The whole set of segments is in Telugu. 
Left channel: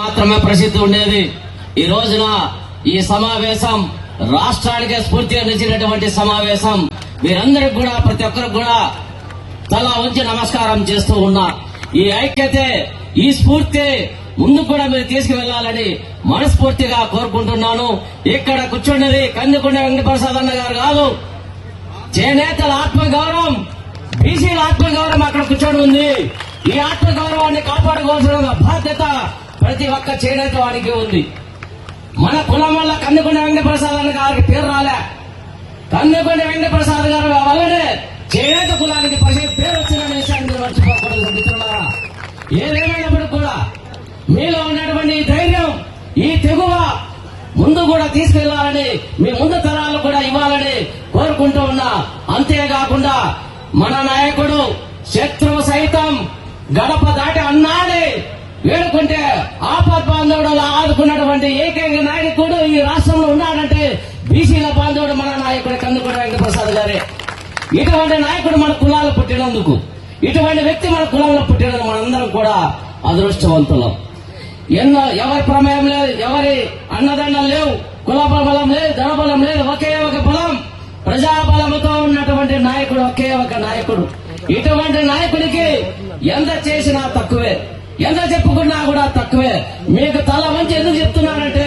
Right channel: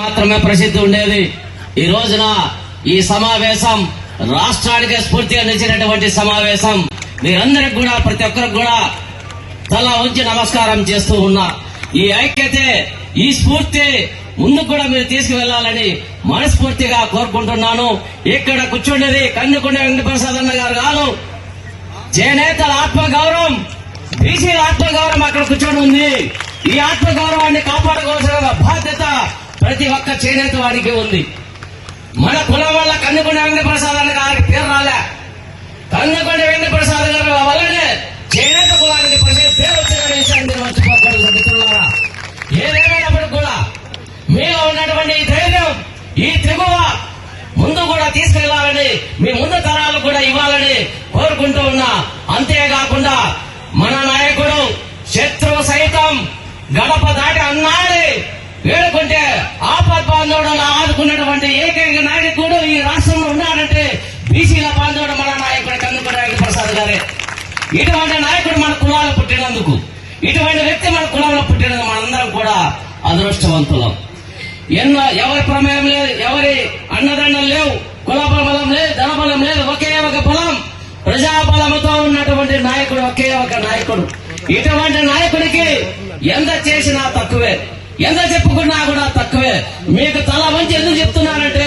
మాత్రమే ప్రసిద్ధి ఉండేది. ఈ రోజున ఈ సమావేశం రాష్ట్రానికి స్ఫూర్తిగా నిలిచినటువంటి సమావేశం. మీరందరికి కూడా ప్రతి ఒక్కరికి కూడా తల ఉంచి నమస్కారం చేస్తూ ఉన్నా ఈ ఐక్యతే ఈ స్ఫూర్తి ముందు కూడా మీరు తీసుకువెళ్ళాలని మనస్ఫూర్తిగా కోరుకుంటున్నాను. ఇక్కడ కూర్చున్నది కందుకుండ వెంకటప్రసాద్ అన్న గారు కాదు. చేనేతల ఆత్మగౌరవం బీసీల ఆత్మగౌరవం అక్కడ కూర్చొని ఉంది. ఈ ఆత్మగౌరవాన్ని కాపాడుకోవాల్సిన ప్రతి ఒక్క చేనేత వాడికి ఉంది. మన కులం వల్ల కందుకొండ వెంకటప్రసాద్ అన్న గారికి పేరు రాలే. కందుకొండ వెంకటప్రసాద్ గారు వల్లనే చేనేత కులానికి ప్రజలు పేరు విషయాన్ని ఏదేమైనప్పుడు కూడా మీలో ఉన్నటువంటి ఈ ధైర్యం ఈ తెగువ ముందు కూడా తీసుకెళ్ళాలని మీ ముందు తరాలు కూడా ఇవ్వాలని కోరుకుంటూ ఉన్నా. అంతేకాకుండా మన నాయకుడు శత్రువు సైతం గడప దాటి అన్నాడు. ఆదుకున్నటువంటి నాయకుడు ఈ రాష్ట్రంలో ఉన్నాడంటే బీసీల బాంధవుడు మన నాయకుడు కందుకూరి ప్రసాద్ గారే. ఇటువంటి నాయకుడు మన కులాలు పుట్టినందుకు ఇటువంటి వ్యక్తి మన కులంలో పుట్టినందుకు మనందరం కూడా అదృష్టవంతులం. ఎన్నో ఎవరి ప్రమేయం లేదు ఎవరి అన్నదండలు లేవు కుల బలం లేదు ధనబలం లేదు ఒకే ఒక బలం ప్రజాబలముతో ఉన్నటువంటి నాయకుడు ఒకే ఒక నాయకుడు. ఇటువంటి నాయకుడికి ఎంత చేసినా తక్కువే ఎంత చెప్పుకున్నా కూడా తక్కువే. మీకు తల వంచి ఎందుకు చెప్తున్నారంటే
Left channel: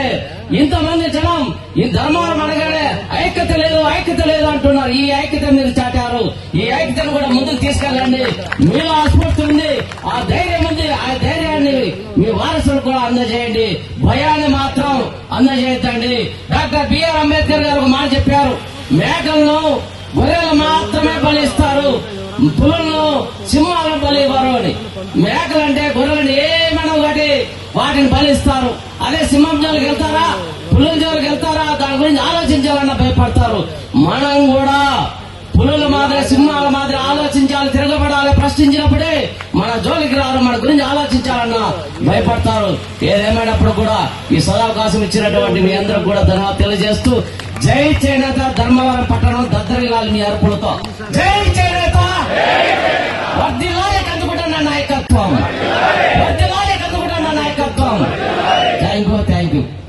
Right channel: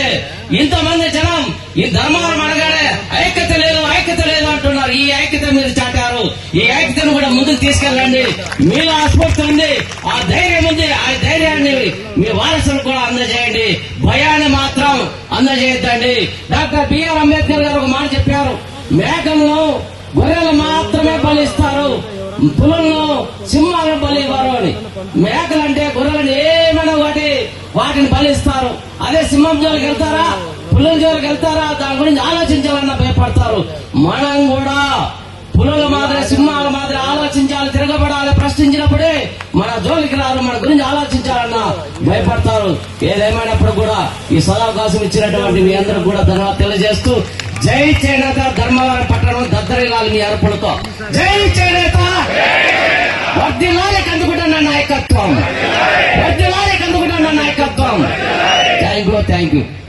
ఇంతమంది జనం ఈ ధర్మాలు అడగాడే ఐక్యత లేదు ఐక్యత లేదు అంటున్నారు. ఈ ఐక్యత మీరు చాటారు. ఈ ఐక్యతను కూడా ముందుకు తీసుకెళ్ళండి. మీలో ఆస్పత్రి ఉంది. ఆ ధైర్యం ఉంది. ఆ ధైర్యాన్ని మీ వారసులు కూడా అందజేయండి. భయాన్ని మాత్రం అందజేయద్దండి. డాక్టర్ బిఆర్ అంబేద్కర్ గారు ఒక మాట చెప్పారు. మేకలను గొర్రెలు మాత్రమే బలిస్తారు. పులులను సింహాలను బలి ఇవ్వరు అని. మేకలంటే గొర్రెలను ఏమైనా ఒకటి వాటిని బలిస్తారు. అదే సింహం జోలికి వెళ్తారా? పులుల జోలికి వెళ్తారా? దాని గురించి ఆలోచించాలన్న భయపడతారు. మనం కూడా పులుల మాదిరి సింహాల మాదిరి ఆలోచించాలి తిరగబడాలి ప్రశ్నించినప్పుడే మన జోలికి రారు మన గురించి ఆలోచించాలన్న భయపడతారు. ఏదేమైనప్పుడు కూడా ఈ సదవకాశం ఇచ్చినటువంటి మీ అందరూ కూడా ధన్యవాదాలు తెలియజేస్తూ జై చేనేత ధర్మవరం పట్టణం దద్దరిల్లాలి మీ అర్పణతో. you.